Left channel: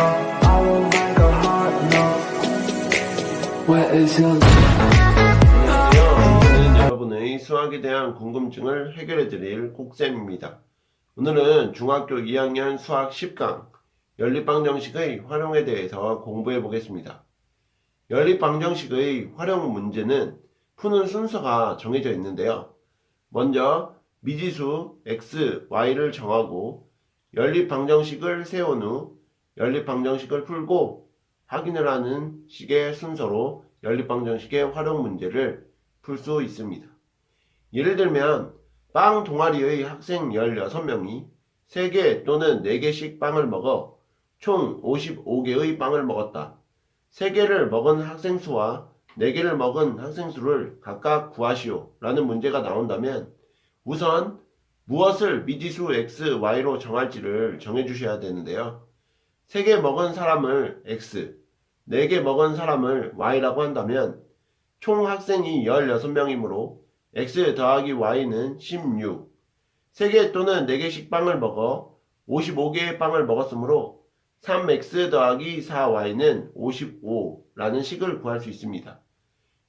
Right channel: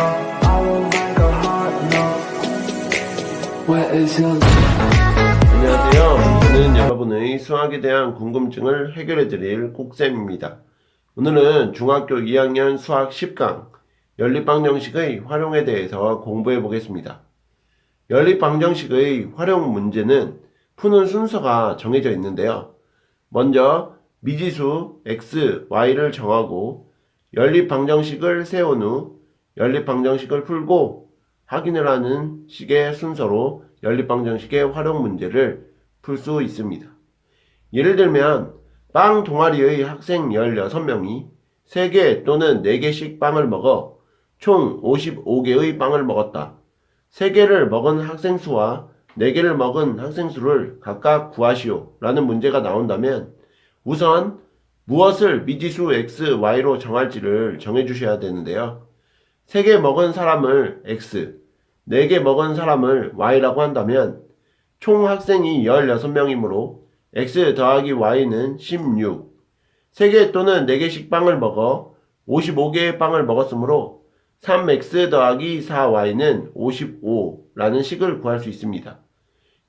I will make a hot note. Where is your 안녕하세요. 저는 여러분의 수학에 대한 궁금증을 해결해 드릴 국쌤입니다. 오늘은 중학교 2학년 수학 10강 연립방정식의 활용에 대해서 공부해 보겠습니다. 연립방정식의 활용 문제는 푸는 순서가 정해져 있는데요. 먼저 미지수 x, y를 정하고 연립방정식을 세운 후 연립방정식을 풀고 확인을 하는 식의 순서로 연립방정식의 활용 문제를 풀 수 있습니다. 예를 들면 빵 동아리의 학생 16명이 3개 또는 4개씩 빵을 먹어 총 55개의 빵을 먹었다. 3개를 먹은 학생 수와 4개를 먹은 학생 수를 각각 구하시오 라는 문제가 나온다면 우선 무엇을 미지수 x, y로 정할지를 정해주셔야 되는데요. 3개 먹은 사람을 x, 4개 먹은 사람을 y라고 한다면 총 학생이 16명이므로 x 더하기 y는 16, 3개 또는 4개씩 빵을 먹어 55개의 빵을 먹었으므로 3x 더하기 4y는 55라는 식을 구할 수 있습니다.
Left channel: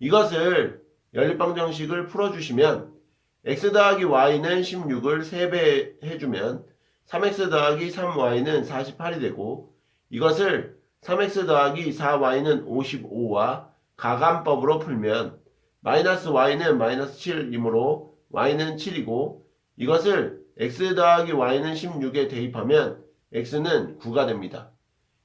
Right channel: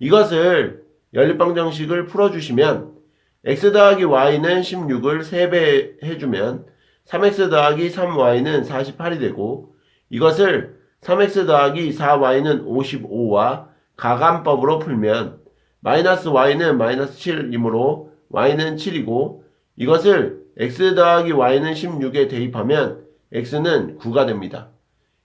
이것을 연립방정식을 풀어주시면 x 더하기 y는 16을 3배 해주면 3x 더하기 3y는 48이 되고 이것을 3x 더하기 4y는 55와 가감법으로 풀면 마이너스 y는 마이너스 7이므로 y는 7이고 이것을 x 더하기 y는 16에 대입하면 x는 9가 됩니다.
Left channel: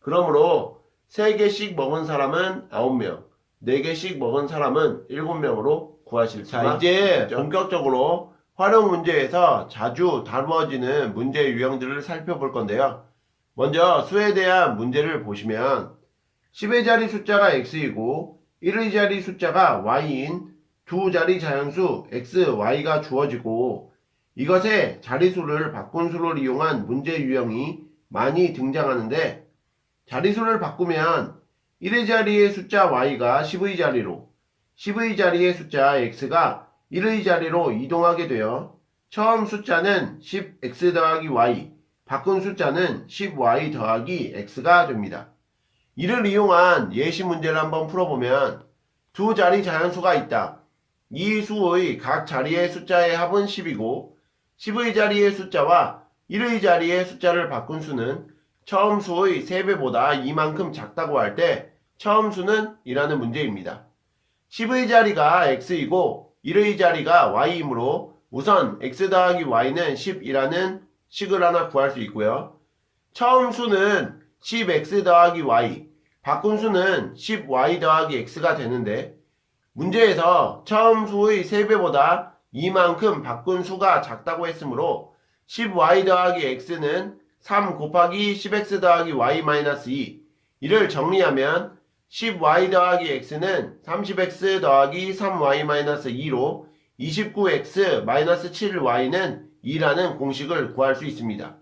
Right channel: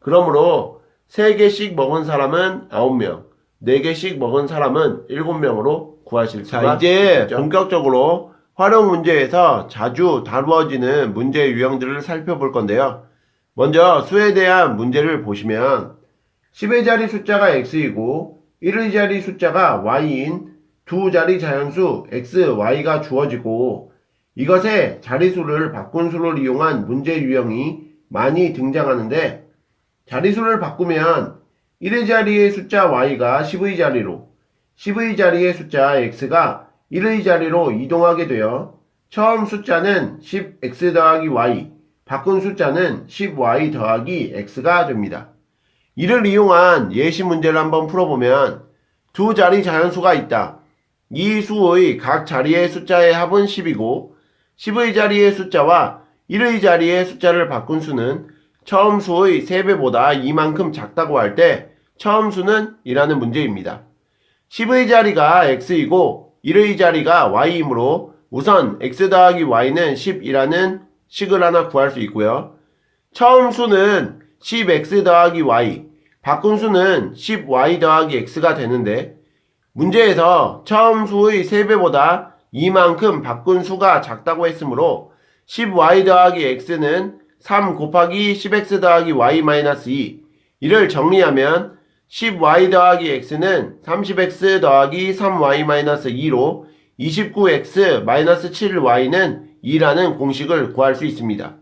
그러므로 3개씩 먹은 사람은 9명, 4개씩 먹은 사람은 7명으로 구하실 수가 있죠. 이제 본격적으로 활용 문제에서 자주 다루어지는 문제 유형들을 살펴볼 건데요. 먼저 수에 대한 문제를 보시면 10의 자리 숫자가 x이고 1의 자리 숫자가 y인 두 자리 자연수 x, y가 주어지고 이것의 자리수를 바꾼 수를 이용한 문제 유형이 많이 등장하는데 자리수를 바꾸면 1의 자리의 숫자 y가 10의 자리로 10의 자리의 숫자 x가 1의 자리로 이동하게 되어 처음 숫자는 10x 더하기 y, 바꾼 숫자는 10y 더하기 x가 됩니다. 이를 이용한 예시 문제를 한번 풀어보면 두 자리 자연수가 있다. 이 수의 각 자리의 숫자의 합은 10이고 10의 자리의 숫자와 1의 자리의 숫자를 바꾼 수는 처음 수의 3배보다 이만큼 작다고 할 때 처음 수는 이라는 문제입니다. 10의 자리가 x이고 1의 자리가 y이므로 우선 x 더하기 y는 10이라는 식을 하나 구할 수 있고요. 처음 수는 10x 더하기 y, 바꾼 수는 10y 더하기 x가 되는데 문제에서 처음 수의 3배보다 이만큼 바꾼 수가 작다고 했으므로 10y 더하기 x는 3 곱하기 10x 더하기 y 마이너스 2 이를 정리하면 10y 더하기 x는 30x 더하기 3y 마이너스 2로 29x 마이너스 7y는 2라는 공식을 구할 수 있습니다.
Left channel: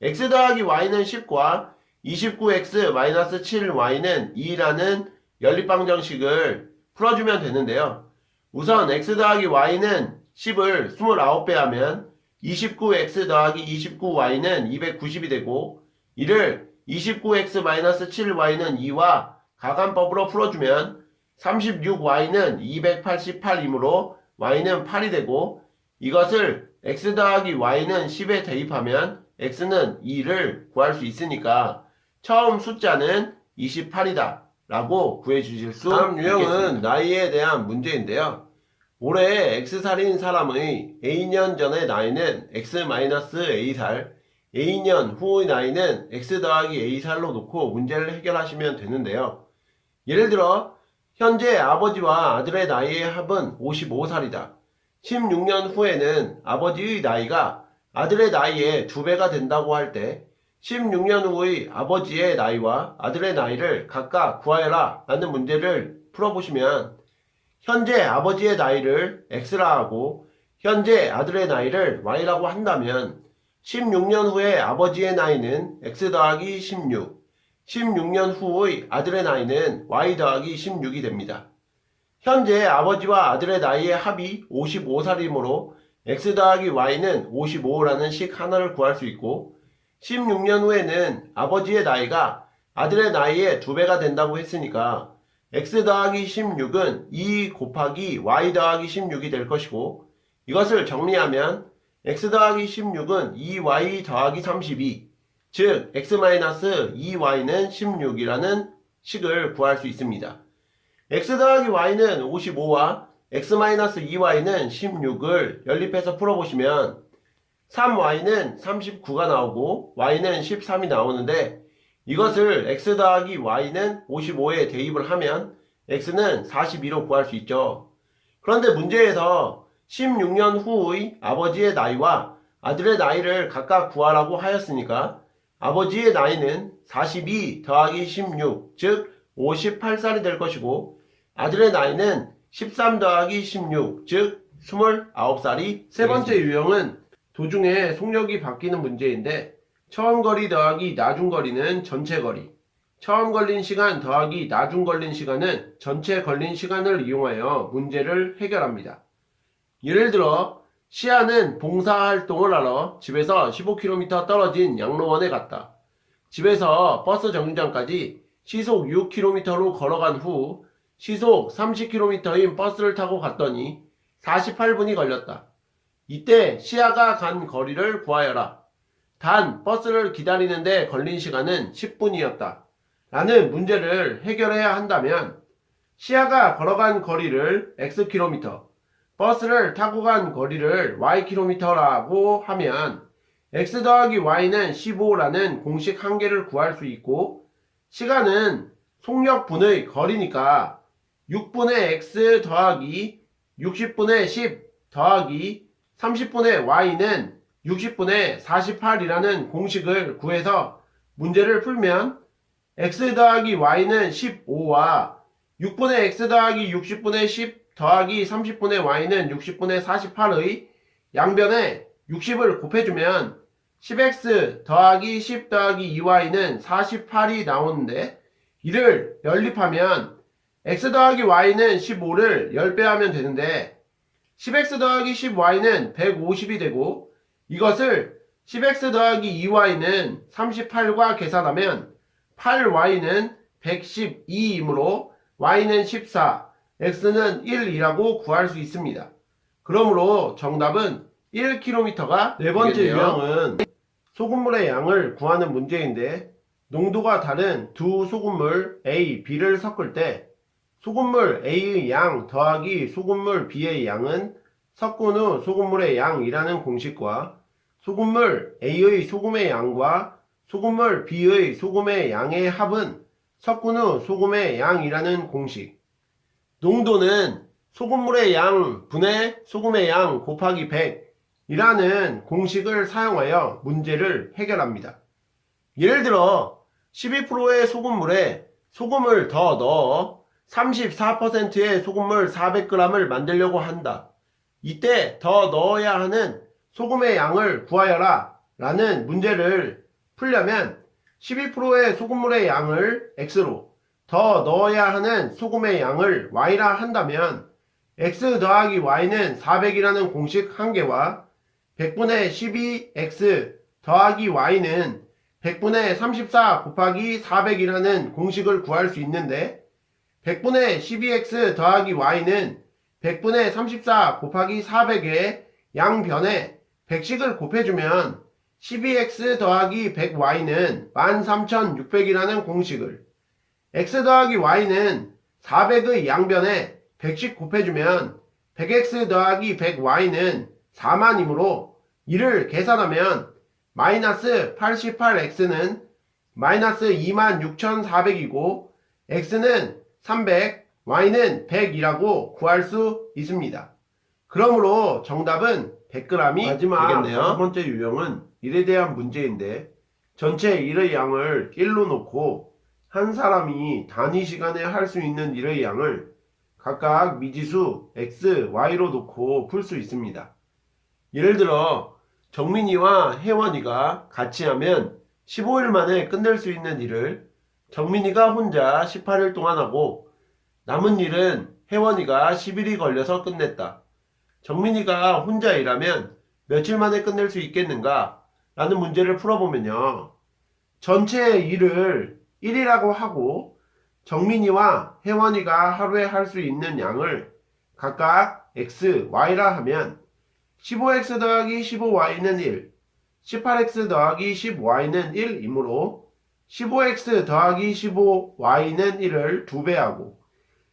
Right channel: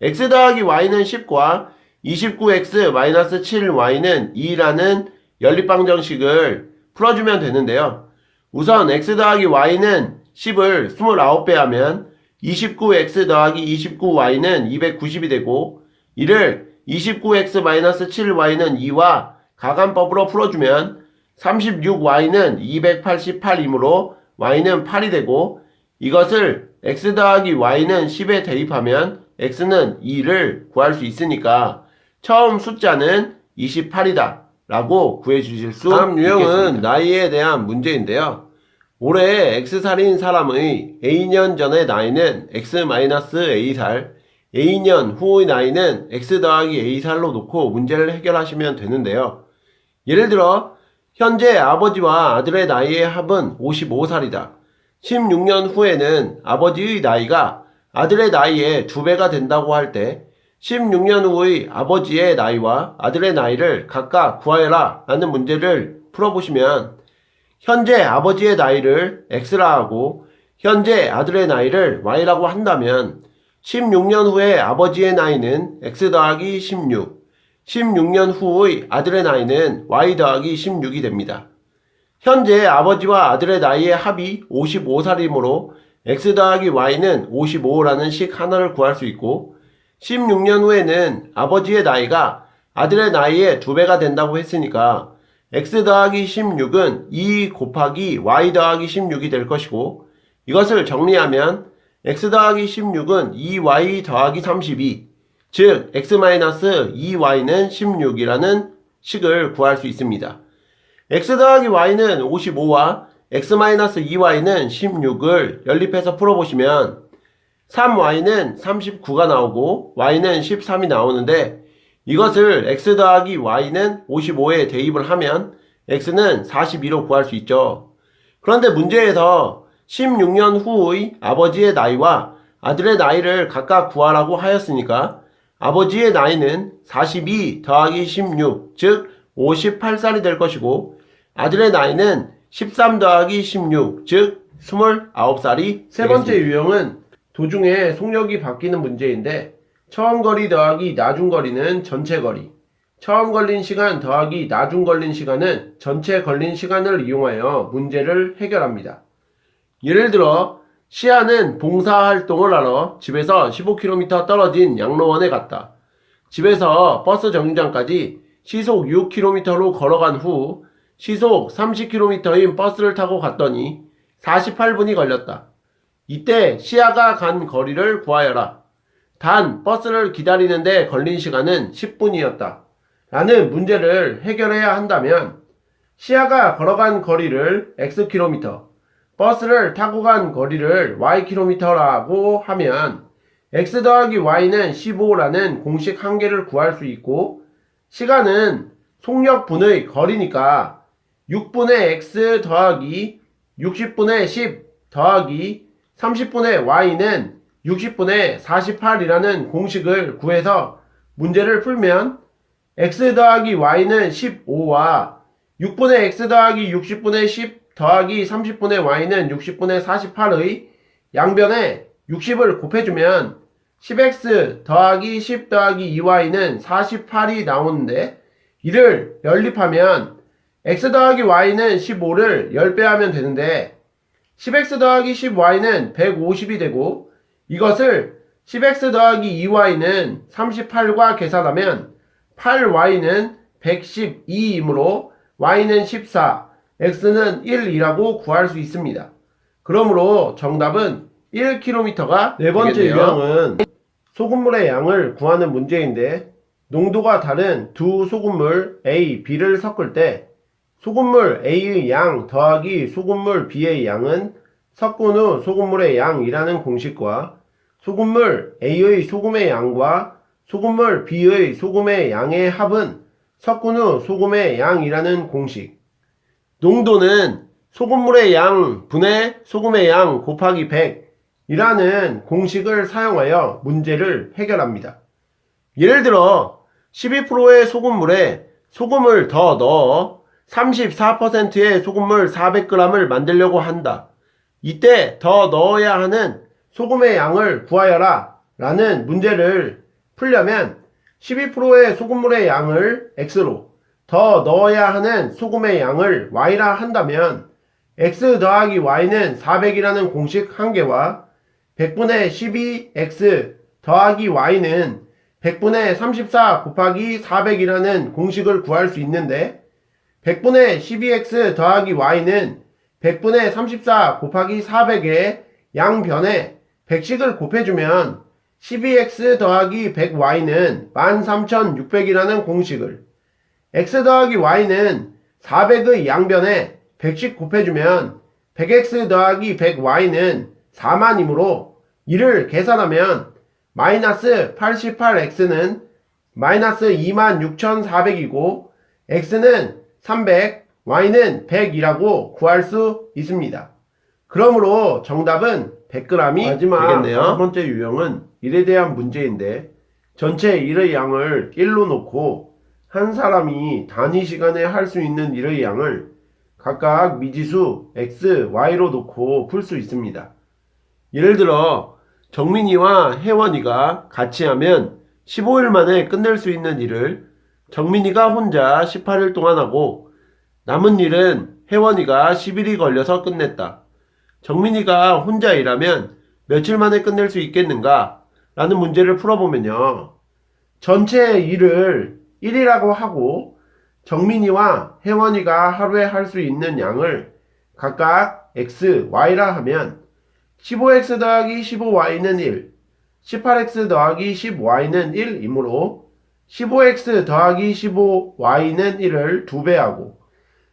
x 더하기 y는 10과 29x 마이너스 7y는 2라는 연립방정식을 풀어주면 되는데요. 우선 x 더하기 y는 10을 29배 하면 29x 더하기 29y는 290이 되고 이를 29x 마이너스 7y는 2와 가감법으로 풀어주면 36y는 288이므로 y는 8이 되고 이것을 x 더하기 y는 10에 대입하면 x는 2를 구할 수 있으니까 처음 숫자는 28이다 라고 구해주실 수 다음 유형은 나이에 대한 문제인데요. 올해 X살인 사람의 A년 전의 나이는 X-A살, A년 후의 나이는 X 더하기 A살로 놓고 문제를 해결하시면 되는데요. 예를 들어 현재 아버지와 아들의 나이의 합은 55살이다. 16년 후에는 아버지의 나이가 아들의 나이의 2배가 된다고 할 때 16년 후의 아버지의 나이와 아들의 나이를 각각 구하여라 라는 문제를 풀어보시면 현재 아버지의 나이를 x라 하고 현재 아들의 나이를 y라고 한다면 16년 후의 아버지의 나이는 x 더하기 16, 16년 후의 아들의 나이는 y 더하기 16이 됩니다. 현재 아버지와 아들의 나이의 합이 55살이므로 x 더하기 y는 55라는 식 하나를 구할 수 있고 16년 후에는 아버지의 나이가 아들의 나이의 2배가 된다고 했으니까 x 더하기 16은 2 곱하기 y 더하기 16이 될 것이고, 이것을 정리하면 x 더하기 16은 2y 더하기 32, 즉 x-2y는 16이라는 식을 구할 수 있습니다. x 더하기 y는 55와 x-2y는 16을 연립해서 풀어보시면 3y는 39가 나오고 y는 13이 나오는데, 이것을 x 더하기 y는 55에 대입을 하면 x는 42로 구할 수 있죠. 그런데 문제에서 16년 후의 아버지의 나이와 아들의 나이를 각각 구하라고 하였으니까 아버지의 나이는 42 더하기 16, 즉 58살이 될 것이고, 아들의 나이는 13 더하기 16, 즉 29살이 세 번째 유형은 도중에 속력이 바뀌는 문제인데, 처음 거리 더하기 나중 거리는 전체 거리, 처음 걸린 시간 더하기 나중 걸린 시간은 전체 걸린 시간을 이용하여 문제를 해결합니다. 예를 들어 시아는 봉사활동을 하러 집에서 15km 떨어진 양로원에 갔다. 집에서 버스 정류장까지 시속 6km로 걸어간 후 시속 30km인 버스를 타고 갔더니 48분이 걸렸다. 이때 시아가 간 거리를 구하여라. 단 버스를 기다리는데 걸린 시간은 10분이었다. 라는 문제를 해결해야 한다면 시아가 걸어간 거리를 xkm, 버스를 타고 간 거리를 ykm라고 하면 x 더하기 y는 15라는 공식 한 개를 구할 수 있고, 시간은 속력분의 거리니까 6분의 x 더하기 60분의 10 더하기 30분의 y는 60분의 48이라는 공식을 구해서 문제를 풀면 x 더하기 y는 15와 6분의 x 더하기 60분의 10 더하기 30분의 y는 60분의 48의 양변에 60을 곱해주면 10x 더하기 10 더하기 2y는 48이 나오는데, 이를 연립하면 x 더하기 y는 15를 10배 하면 되는데 10x 더하기 10y는 150이 되고, 이것을 10x 더하기 2y는 38과 계산하면 8y는 112이므로 y는 14, x는 1이라고 구할 수 있습니다. 그러므로 정답은 1km가 네 번째 유형은 소금물의 양을 구하는 문제인데, 농도가 다른 두 소금물 A, B를 섞을 때 소금물 A의 양 더하기 소금물 B의 양은 섞은 후 소금물의 양이라는 공식과 소금물 A의 소금의 양과 소금물 B의 소금의 양의 합은 섞은 후 소금의 양이라는 공식, 농도는 소금물의 양 분의 소금의 양 곱하기 100이라는 공식을 사용하여 문제를 해결합니다. 예를 들어 12%의 소금물에 소금을 더 넣어 34%의 소금물 400g을 만들려고 한다. 이때 더 넣어야 하는 소금의 양을 구하여라 라는 문제를 풀려면 12%의 소금물의 양을 x로, 더 넣어야 하는 소금의 양을 y라 한다면 x 더하기 y는 400이라는 공식 한 개와 100분의 12x 더하기 y는 100분의 34 곱하기 400이라는 공식을 구할 수 있는데, 100분의 12x 더하기 y는 100분의 34 곱하기 400의 양변에 100씩을 곱해주면 12x 더하기 100y는 13600이라는 공식을, x 더하기 y는 400의 양변에 100씩 곱해주면 100x 더하기 100y는 4만이므로 이를 계산하면 마이너스 88x는 마이너스 26400이고 x는 300, y는 100이라고 구할 수 있습니다. 그러므로 정답은 100g이 마지막 되겠네요. 첫 번째 유형은 일에 대한 문제인데, 전체 일의 양을 1로 놓고 한 사람이 단위 시간에 할 수 있는 일의 양을 각각 미지수 x, y로 놓고 풀 수 있습니다. 예를 들어 정민이와 혜원이가 같이 하면 15일 만에 끝낼 수 있는 일을 정민이가 혼자 18일 동안 하고, 남은 일은 혜원이가 10일이 걸려서 끝냈다. 정민이가 혼자 일하면 며칠 만에 끝낼 수 있겠는가? 라는 문제를 풀어보면요. 전체 일을 1이라고 하고 정민이와 혜원이가 하루에 할 수 있는 양을 각각 x, y라 하면 15x 더하기 15y는 1, 18x 더하기 10y는 1이므로 15x 더하기 15y는 1을 2배하고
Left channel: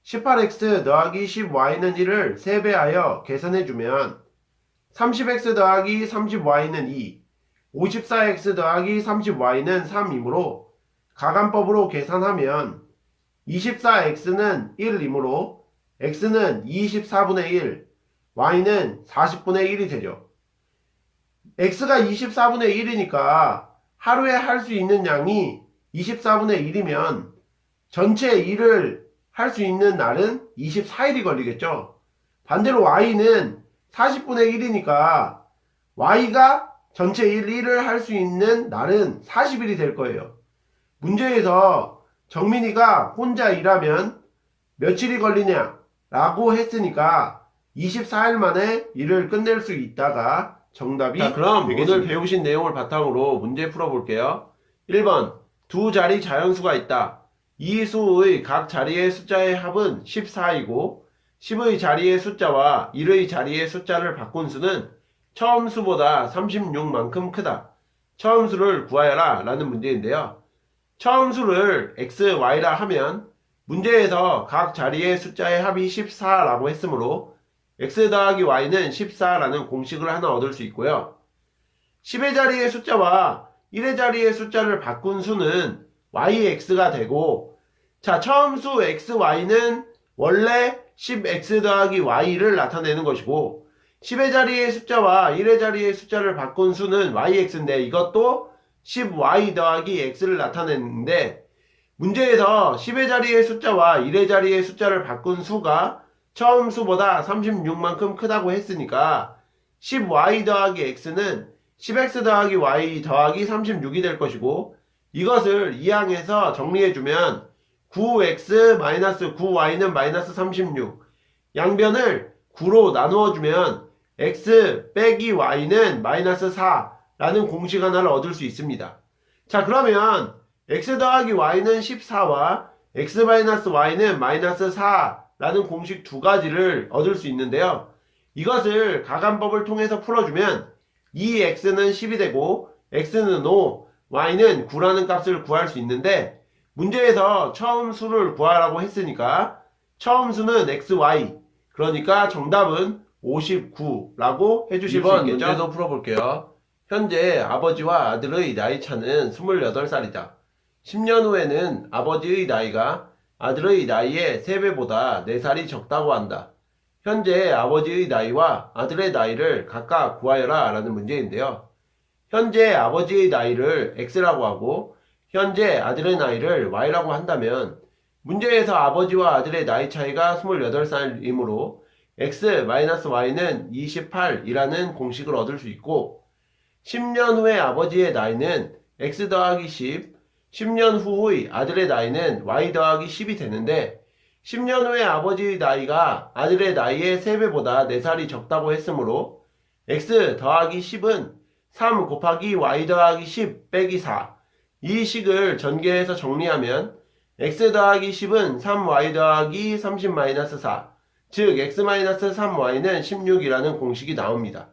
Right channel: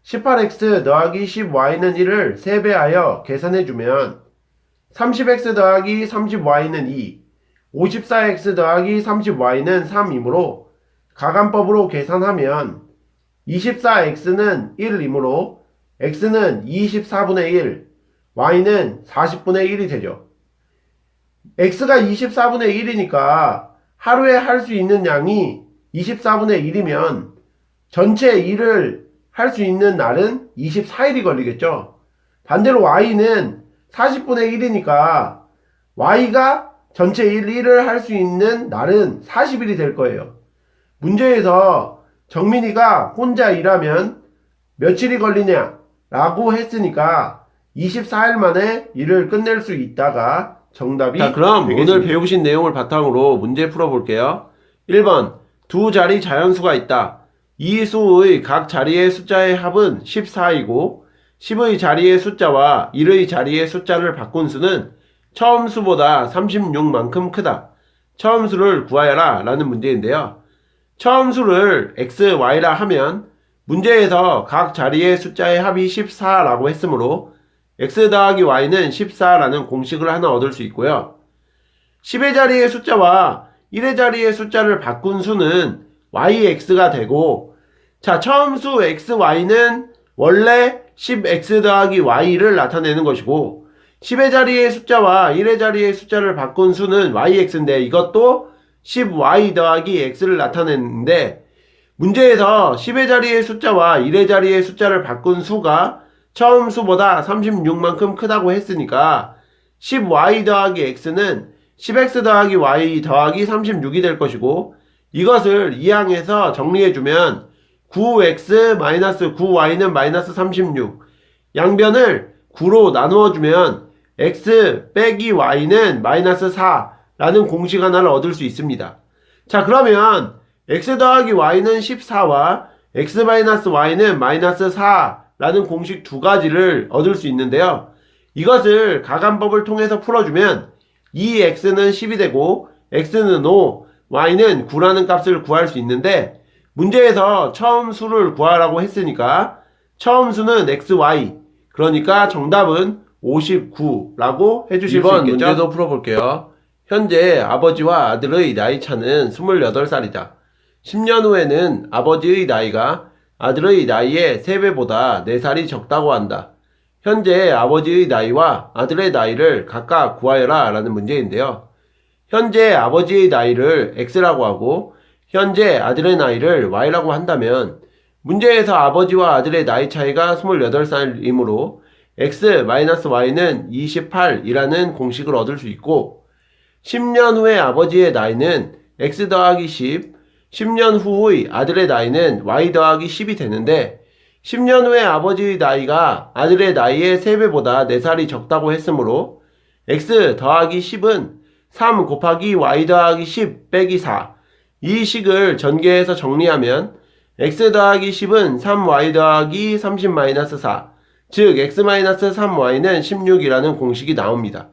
18x 더하기 10y는 1을 3배하여 계산해주면 30x 더하기 30y는 2, 54x 더하기 30y는 3이므로 가간법으로 계산하면 24x는 1이므로 x는 24분의 1, y는 40분의 1이 되죠. x가 24분의 1이니까 하루에 할 수 있는 양이 24분의 1이면 전체 일을 할 수 있는 날은 24일이 걸리겠죠. 반대로 y는 40분의 1이니까 y가 전체 일을 할 수 있는 날은 40일이 될 거예요. 문제에서 정민이가 혼자 일하면 며칠이 걸리냐 라고 했으니까 24일 만에 일을 끝낼 수 있다가 정답이 그럼 되겠습니다. 오늘 배우신 내용을 바탕으로 문제 풀어볼게요. 1번 두 자리 자연수가 있다. 이 수의 각 자리의 숫자의 합은 14이고 10의 자리의 숫자와 1의 자리의 숫자를 바꾼 수는 처음 수보다 36만큼 크다. 처음 수를 구하여라 라는 문제인데요. 처음 수를 x, y라 하면 문제에서 각 자리의 숫자의 합이 14라고 했으므로 x 더하기 y는 14라는 공식을 하나 얻을 수 있고요. 10의 자리의 숫자와 1의 자리의 숫자를 바꾼 수는 yx가 되고, 자, 처음 수 x, y는 원래 10x 더하기 y를 나타내는 것이고 10의 자리의 숫자와 1의 자리의 숫자를 바꾼 수는 yx인데 이것도 10y 더하기 x를 나타내는데 문제에서 10의 자리의 숫자와 1의 자리의 숫자를 바꾼 수가 처음 수보다 36만큼 크다고 했으니까 10y 더하기 x는 10x 더하기 y 더하기 36이 될 것이고 이것을 2항에서 정리해주면 9x-9y는 마이너스 36 양변을 9로 나누어주면 x 빼기 y는 마이너스 4라는 공식 하나를 얻을 수 있습니다. 자, 그러면 x 더하기 y는 14와 x-y는 마이너스 4라는 공식 두 가지를 얻을 수 있는데요. 이것을 가간법을 통해서 풀어주면 2x는 10이 되고 x는 5, y는 9라는 값을 구할 수 있는데 문제에서 처음 수를 구하라고 했으니까 처음 수는 xy, 그러니까 정답은 59라고 해주실 수 있겠죠? 이번 문제도 풀어볼게요. 현재 아버지와 아들의 나이 차는 28살이다. 10년 후에는 아버지의 나이가 아들의 나이의 3배보다 4살이 적다고 한다. 현재 아버지의 나이와 아들의 나이를 각각 구하여라 라는 문제인데요. 현재 아버지의 나이를 x라고 하고 현재 아들의 나이를 y라고 한다면 문제에서 아버지와 아들의 나이 차이가 28살이므로 x-y는 28이라는 공식을 얻을 수 있고 10년 후의 아버지의 나이는 x 더하기 10, 10년 후의 아들의 나이는 y 더하기 10이 되는데 10년 후의 아버지의 나이가 아들의 나이의 3배보다 4살이 적다고 했으므로 x 더하기 10은 3 곱하기 y 더하기 10 빼기 4 이 식을 전개해서 정리하면 x 더하기 10은 3y 더하기 30-4 즉 x-3y는 16이라는 공식이 나옵니다.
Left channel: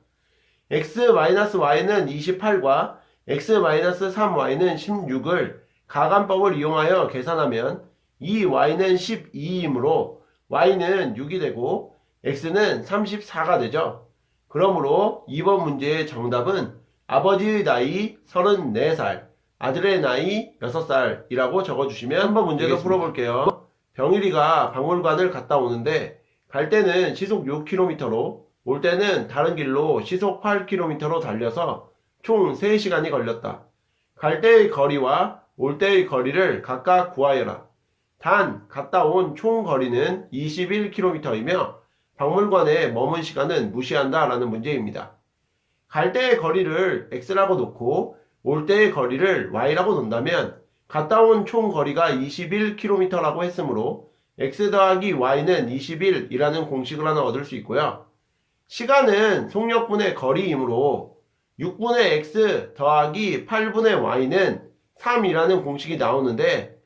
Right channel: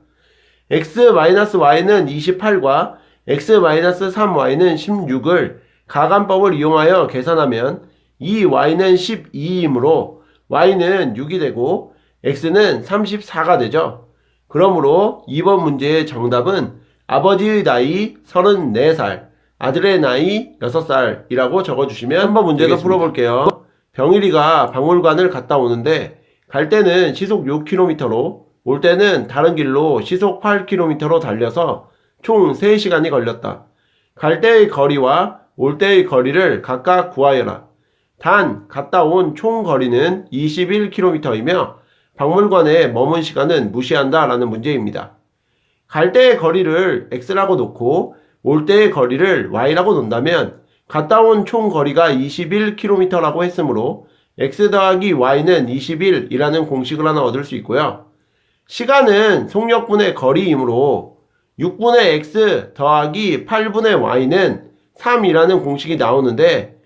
x-y는 28과 x-3y는 16을 가간법을 이용하여 계산하면 이 y는 12이므로 y는 6이 되고 x는 34가 되죠. 그러므로 2번 문제의 정답은 아버지의 나이 34살, 아들의 나이 6살이라고 적어주시면 한번 문제도 되겠습니다. 풀어볼게요. 병일이가 박물관을 갔다 오는데 갈 때는 시속 6km로 올 때는 다른 길로 시속 8km로 달려서 총 3시간이 걸렸다. 갈 때의 거리와 올 때의 거리를 각각 구하여라. 단 갔다 온 총 거리는 21km이며 박물관에 머문 시간은 무시한다 라는 문제입니다. 갈 때의 거리를 x라고 놓고 올 때의 거리를 y라고 놓는다면 갔다 온 총 거리가 21km라고 했으므로 x 더하기 y는 21이라는 공식을 하나 얻을 수 있고요. 시간은 속력분의 거리이므로 6분의 x 더하기 8분의 y는 3이라는 공식이 나오는데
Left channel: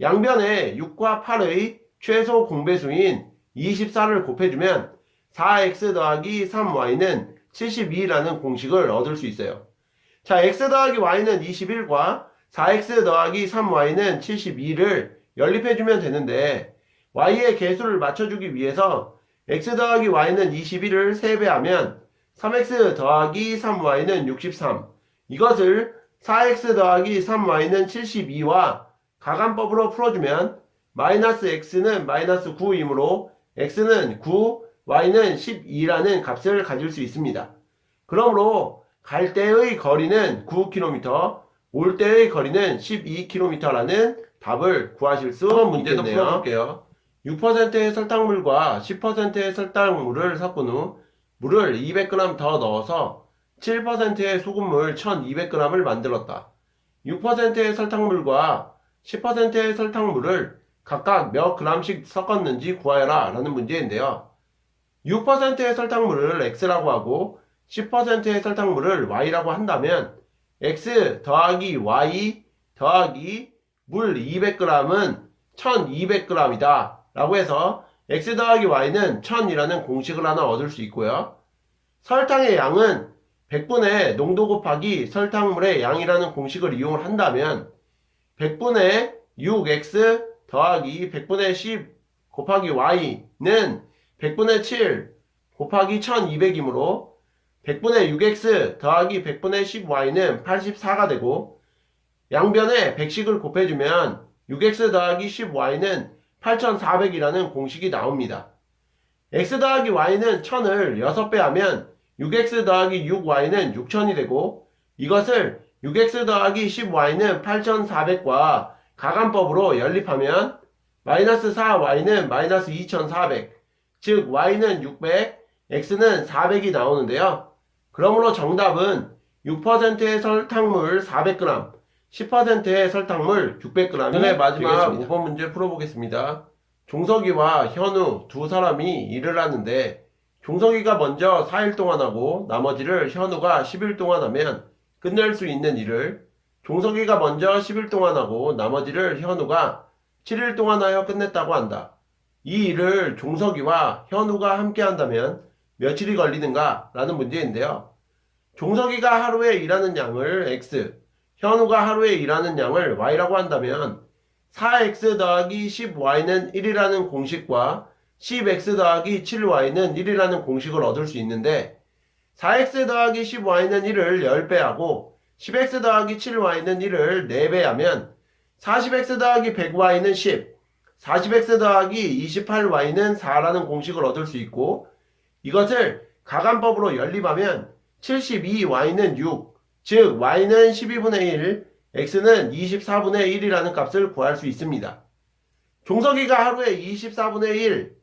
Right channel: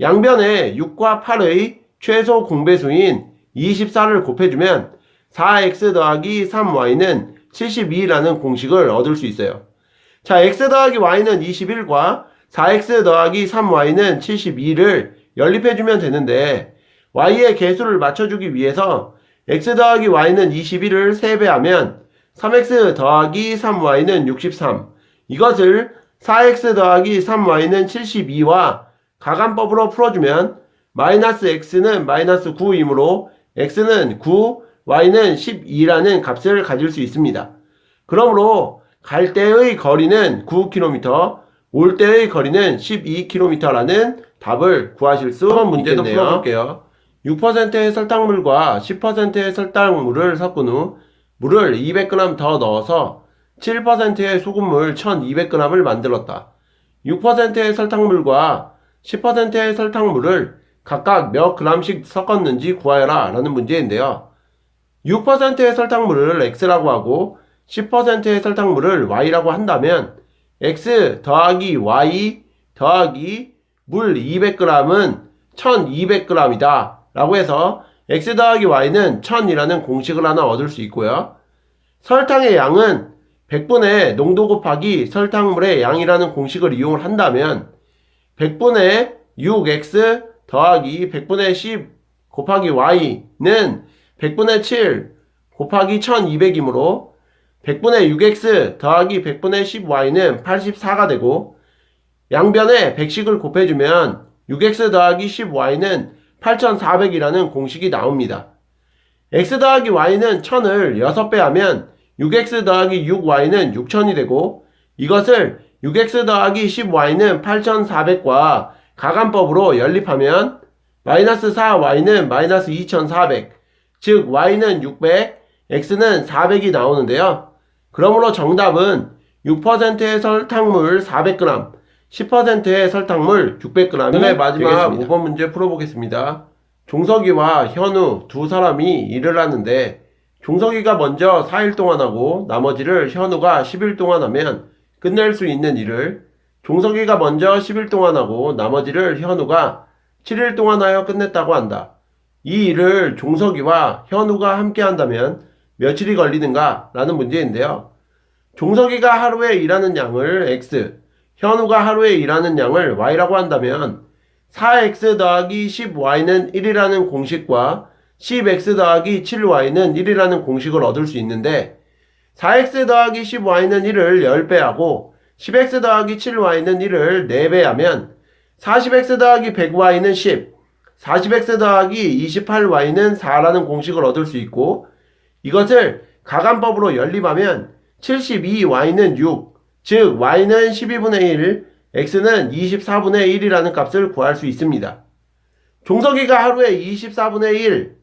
양변에 6과 8의 최소 공배수인 24를 곱해주면 4x 더하기 3y는 72라는 공식을 얻을 수 있어요. 자, x 더하기 y는 21과 4x 더하기 3y는 72를 연립해주면 되는데 y의 개수를 맞춰주기 위해서 x 더하기 y는 21을 3배하면 3x 더하기 3y는 63, 이것을 4x 더하기 3y는 72와 가간법으로 풀어주면 마이너스 x는 마이너스 9이므로 x는 9, y는 12라는 값을 가질 수 있습니다. 그러므로 갈 때의 거리는 9km, 올 때의 거리는 12km라는 답을 구하실 수 있겠네요. 문제도 풀어볼게요. 6%의 설탕물과 10%의 설탕물을 섞은 후 물을 200g 더 넣어서 7%의 소금물 1200g을 만들었다. 6%의 설탕물과 10%의 설탕물을 각각 몇 g씩 섞었는지 구하여라 라는 문제인데요. 6%의 설탕물을 x라고 하고 10%의 설탕물을 y라고 한다면 x 더하기 y 더하기 물 200g은 1200g이다 라고 해서 x 더하기 y는 1000이라는 공식을 하나 얻을 수 있고요. 설탕의 양은 100분의 농도 곱하기 설탕물의 양이라는 공식을 이용을 한다면 100분의 6x 더하기 100분의 10 곱하기 y는 100분의 7 곱하기 1200이므로 100분의 6x 더하기 100분의 10y는 84가 되고 양변에 100씩을 곱해주면 6x 더하기 10y는 8400이라는 공식이 나옵니다. x 더하기 y는 1000을 6배 하면 6x 더하기 6y는 6000이 되고 이것을 6x 더하기 10y는 8400과 가간법으로 연립하면 마이너스 4y는 마이너스 2400, 즉 y는 600, x는 400이 나오는데요. 그러므로 정답은 6%의 설탕물 400g, 10%의 설탕물 600g이 네, 마지막 되겠습니다. 5번 문제 풀어보겠습니다. 종석이와 현우 두 사람이 일을 하는데 종석이가 먼저 4일 동안 하고 나머지를 현우가 10일 동안 하면 끝낼 수 있는 일을 종석이가 먼저 10일 동안 하고 나머지를 현우가 7일 동안 하여 끝냈다고 한다. 이 일을 종석이와 현우가 함께 한다면 며칠이 걸리는가? 라는 문제인데요. 종석이가 하루에 일하는 양을 x, 현우가 하루에 일하는 양을 y라고 한다면 4x 더하기 10y는 1이라는 공식과 10x 더하기 7y는 1이라는 공식을 얻을 수 있는데 4x 더하기 10y는 1을 10배하고 10x 더하기 7y는 1을 4배하면 40x 더하기 100y는 10, 40x 더하기 28y는 4라는 공식을 얻을 수 있고 이것을 가간법으로 연립하면 72y는 6, 즉 y는 12분의 1, x는 24분의 1이라는 값을 구할 수 있습니다. 종석이가 하루에 24분의 1,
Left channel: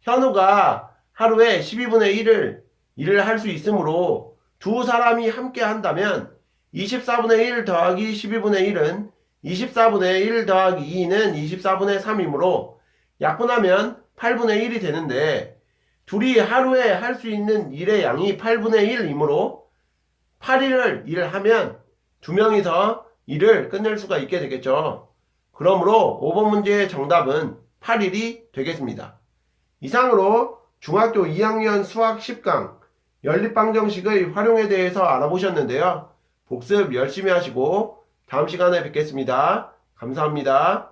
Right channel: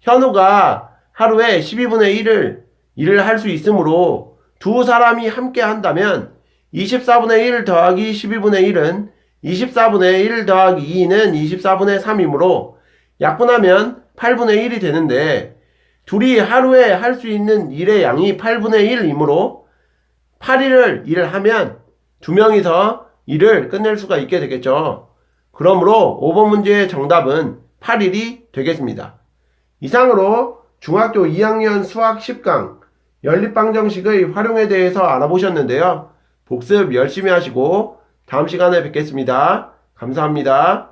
현우가 하루에 12분의 1을 할 수 있으므로 두 사람이 함께 한다면 24분의 1 더하기 12분의 1은 24분의 1 더하기 2는 24분의 3이므로 약분하면 8분의 1이 되는데 둘이 하루에 할 수 있는 일의 양이 8분의 1이므로 8일을 일을 하면 두 명이서 일을 끝낼 수가 있게 되겠죠. 그러므로 5번 문제의 정답은 8일이 되겠습니다. 이상으로 중학교 2학년 수학 10강 연립방정식의 활용에 대해서 알아보셨는데요. 복습 열심히 하시고 다음 시간에 뵙겠습니다. 감사합니다.